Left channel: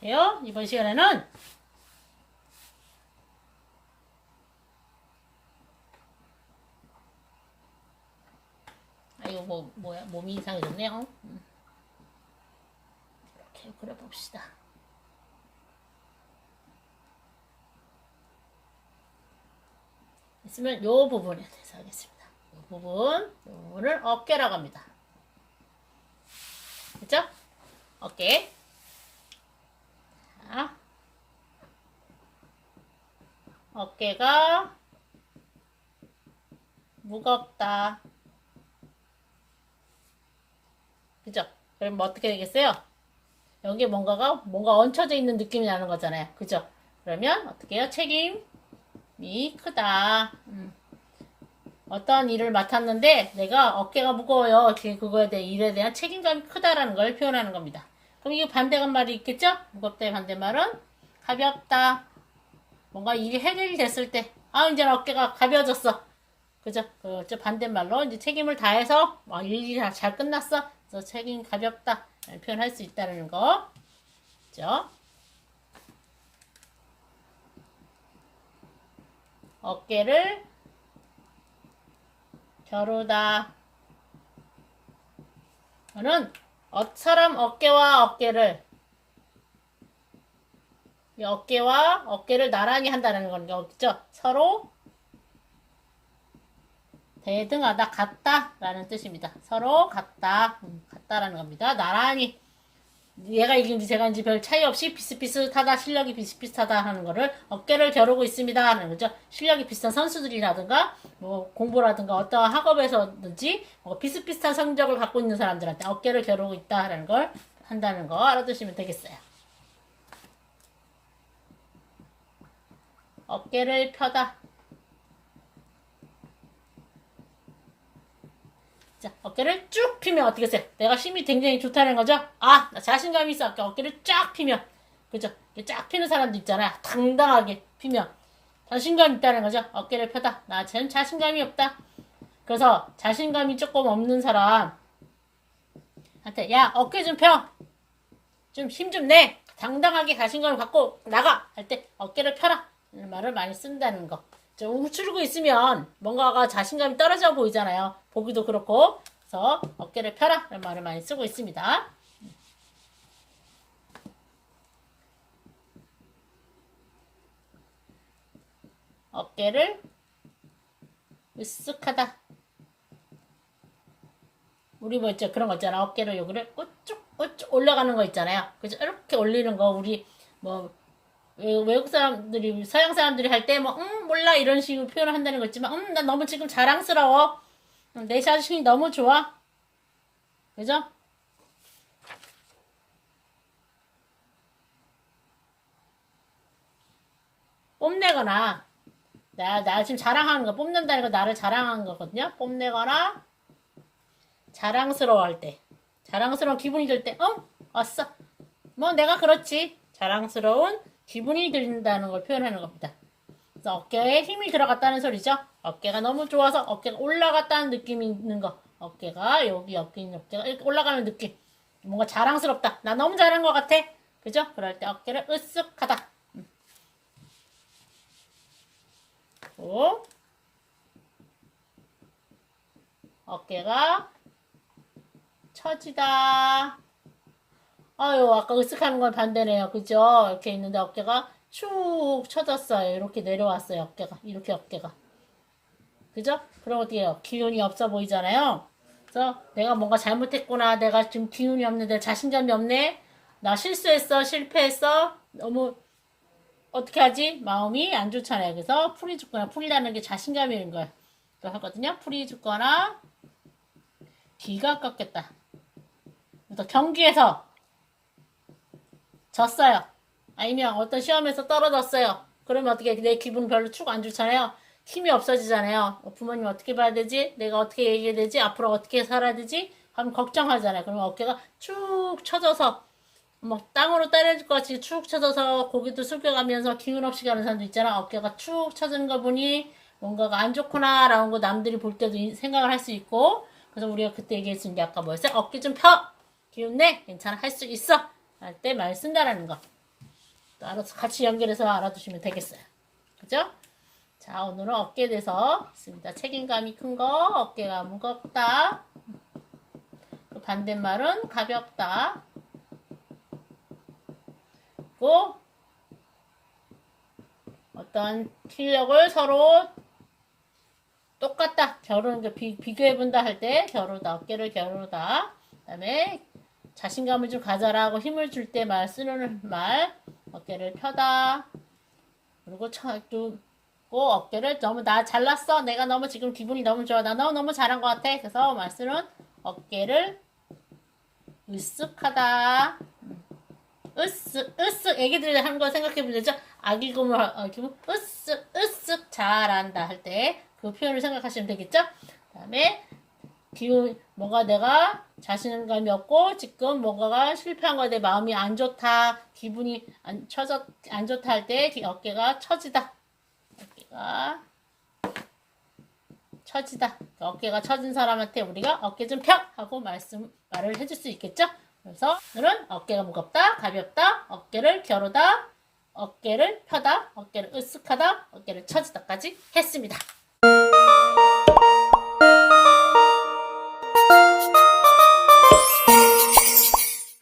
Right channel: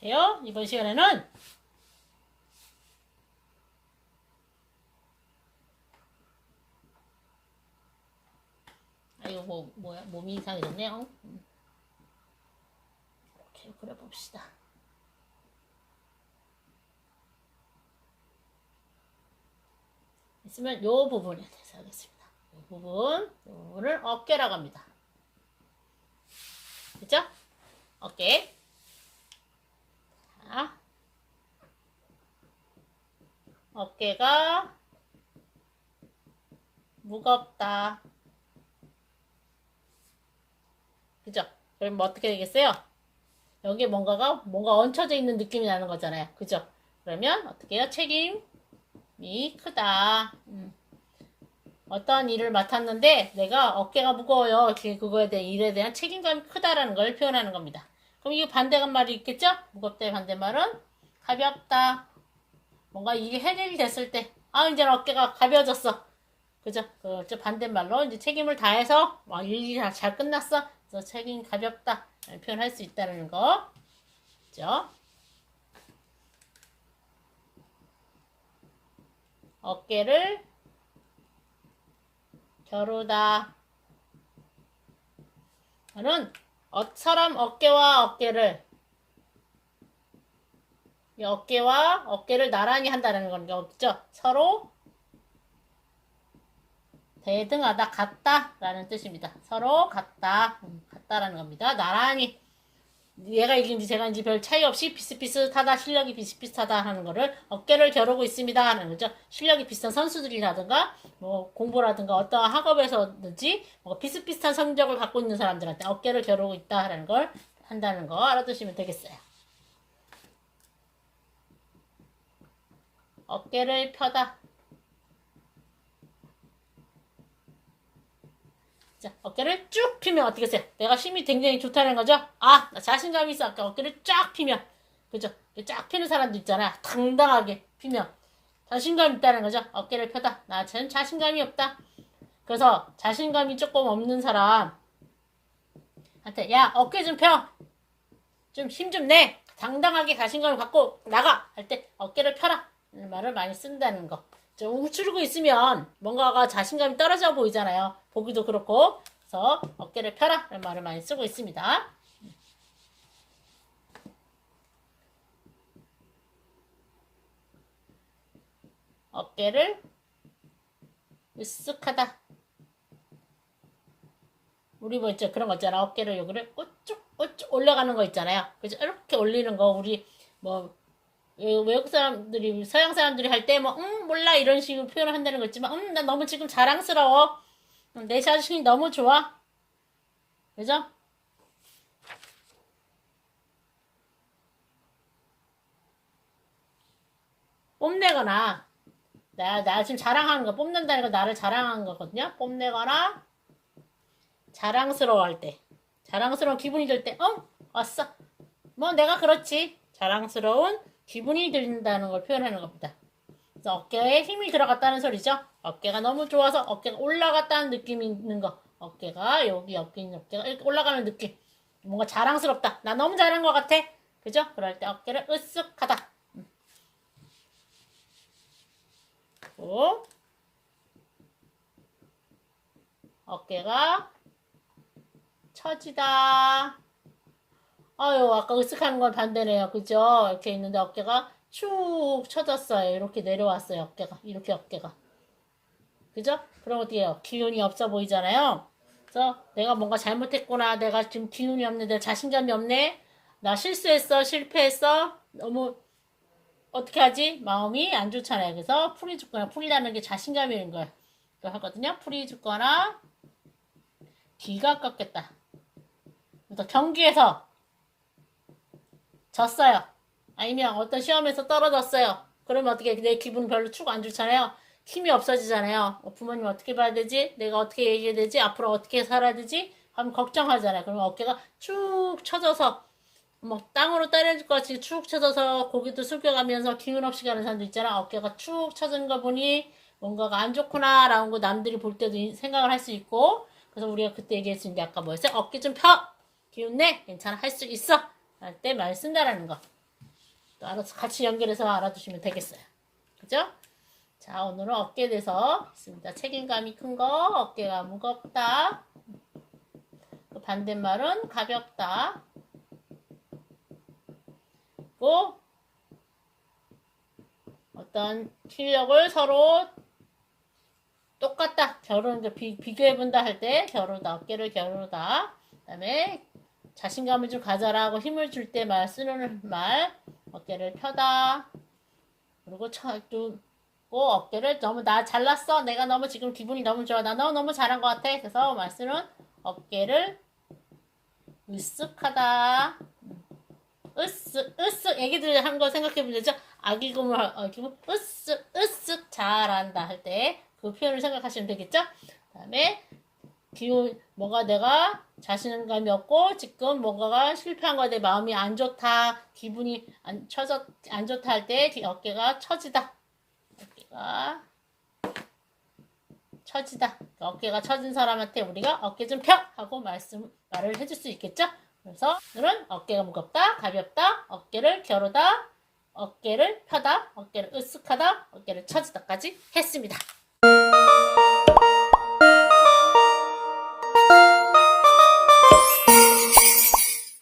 돼요? 이번 시간에는 아 이거 뭐 뭐야 몸이 이상해졌네요. 음. 이렇게 그려봅시다. 있으면 요 부분에 대해서 하겠습니다. 요 부분, 요 부분을 어깨라고 합니다. 그죠? 어깨. 자, 어깨가 무겁다. 그죠? 그럼 뭐 어떻게 되겠어요? 여기에 뭔가가 뭔가 얹혀져 있는 느낌이 나는 거잖아요. 그죠? 그러면 어떻게 해요? 책임이 크다. 음. 어떠한 일을 맡았는데 내가 어깨가 무거워요. 그거에 대해 일에 대한 책임감이 크다라는 걸 표현하는 겁니다. 그럼 이거 반대가 말이 있겠죠? 무겁다의 반대말은 가볍다. 뭔가 일이 해결이 됐을 때, 아, 이제 어깨가 가벼워졌어. 그죠? 그, 저 반대말로 이제 책임을 다해서, 어, 일이 다잘 끝났어. 그래서 책임 가볍다. 표현할 수 있다는 거. 그죠? 어깨를 겨루다. 저는 어, 사람 어깨와 어깨를 이 어깨와 어깨를 나란히 한다는 건 거죠. 서로 대등하다, 같다 라는 뜻입니다. 서로 같다, 음, 같다라는 겁니다. 나란히 얘가 이긴지 제가 인지 별 차이 없이 비슷비슷하다, 실력이 비슷비슷하다 하는 거를 어깨를 겨루고 있습니다 하는 거죠. 실력이 비슷한 선수들이라든가 뭐 공부라든가 어떠한 학업에서든지 뭐 비슷비슷한 성적을 갖고 있는 사람들한테 어깨를 겨루고 있다라는 걸 한다는 거 알아두시면 되겠어요. 어깨를 펴다. 자, 어깨를 쭉 피면 어떻게 했어요? 내가 힘이 굉장히 좋다는 거죠? 아, 나 자신감이 있어. 아까 어깨를 쫙 피면. 그죠? 쫙 피는 사람도 있잖아요. 당당하게 피면. 자신감 있다는 거죠? 어깨를 펴다. 나전 자신감이 없다. 그래서 자신감이 조금 없는 사람, 한테, 야, 어깨 좀 펴! 좀 힘 좀 내! 당당하게 자신감을 갖고 나가! 할 때, 어깨를 펴라! 이런 말을 많이 쓴다는 거. 좀 움츠리고 있으면 뭔가가 자신감이 떨어져 보이잖아요. 보기도 그렇고. 그래서 어깨를 펴라! 이런 말을 많이 쓰고 있습니다. 어깨를 으쓱하다. 우리 뭐 있죠 그런 거 있잖아 어깨를 여기를 우쭉 우쭉 올라가는 거 있잖아요 그죠 이렇게 올리는 거 우리 뭐 외- 외국 사람들이 서양 사람들이 할 때뭐응 몰라 이런 식으로 표현을 한다는 거 있지만 음나 너무 지금 자랑스러워 음, 내 자신이 너무 좋아 그죠 뽐내거나 나, 나 지금 자랑하는 거 뽐낸다는 거 나를 자랑하는 거거든요 뽐내거나 자랑스러워 할 때, 자랑스러운 기분이 들 때, 어? 왔어. 뭐 내가 그렇지. 자랑스러운 기분이 든다는 걸 표현하는 겁니다. 어깨에 힘이 들어갔다는 소리죠. 어깨가 너무 좋아서 어깨가 올라갔다는 느낌이 있는 거. 어깨가 여기 어깨 있는 어깨가 이렇게 올라가는 느낌. 뭔가 자랑스럽다. 나 너무 잘한 것 같아. 그죠? 그럴 때 어깨를 으쓱하다. 음. 또 어깨가 처지다. 아유, 아까 으쓱하는 건 반대네요. 그죠? 이렇게 있는데 어깨가 축 처졌어요. 이렇게 내려왔어요. 어깨가. 이렇게 어깨가. 그죠? 그럼 어떻게 해요? 기운이 없어 보이잖아요. 그래서 내가 뭔가 잘못했구나. 내가 지금 기운이. 내 자신감이 없네. 나 실수했어. 실패했어. 너무 어떻게 하지? 마음이 안 좋잖아요. 그래서 풀이 죽거나 풀이라는 게 자신감이 거예요. 또 하거든요. 풀이 죽거나 기가 꺾였다. 경기에서 졌어요. 아니면 어떤 시험에서 떨어졌어요. 그러면 어떻게 내 기분 별로 축 안 좋잖아요. 힘이 없어지잖아요. 어, 부모님 어떻게 봐야 되지? 내가 어떻게 얘기해야 되지? 앞으로 어떻게 살아야 되지? 하면 걱정하잖아요. 그러면 어깨가 축 처져서 뭐 땅으로 떨어질 것 같이 축 처져서 고개도 숙여가면서 기운 없이 가는 사람도 있잖아. 어깨가 축 처진 거 보니 뭔가가 안 좋구나 라는 거 남들이 볼 때도 이- 생각을 할 수 있고 그래서 우리가 그때 얘기했던 게 아까 뭐였어요? 어깨 좀 펴! 기운 내! 괜찮아. 할 수 있어! 할 때 말 쓴다라는 거. 또 알아서 같이 연결해서 알아두시면 되겠어요. 그죠? 자, 오늘은 어깨에 대해서 했습니다. 책임감이 큰 거, 어깨가 무겁다. 그 반대말은 가볍다. 또 어떤 실력을 서로 똑같다. 겨루는 게 비, 비교해본다 할 때 겨루다. 어깨를 겨루다. 그 다음에 자신감을 좀 가져라 하고 힘을 줄 때 말 쓰는 말. 어깨를 펴다. 그리고 쳐, 또, 고 어깨를 너무 나 잘났어. 내가 너무 지금 기분이 너무 좋아. 나 너무 너무 잘한 것 같아. 그래서 말 쓰는 어깨를 으쓱하다. 으쓱 으쓱 애기들이 하는 거 생각해 보죠. 아기 구물 어, 기분 으쓱 으쓱 잘한다 할 때 그 표현을 생각하시면 되겠죠. 그 다음에 기운 뭔가 내가 자신감이 없고 지금 뭔가가 실패한 거에 대해 마음이 안 좋다 기분이 안 처져 안 좋다 할 때 어깨가 처지다 어깨가 처지다 어깨가 처진 사람한테 우리가 어깨 좀 펴 하고 말씀 말을 해줄 수 있겠죠. 그래서 오늘은 어깨가 무겁다 가볍다 어깨를 겨루다 어깨를 펴다 어깨를 으쓱하다 어깨를 처지다까지 했습니다.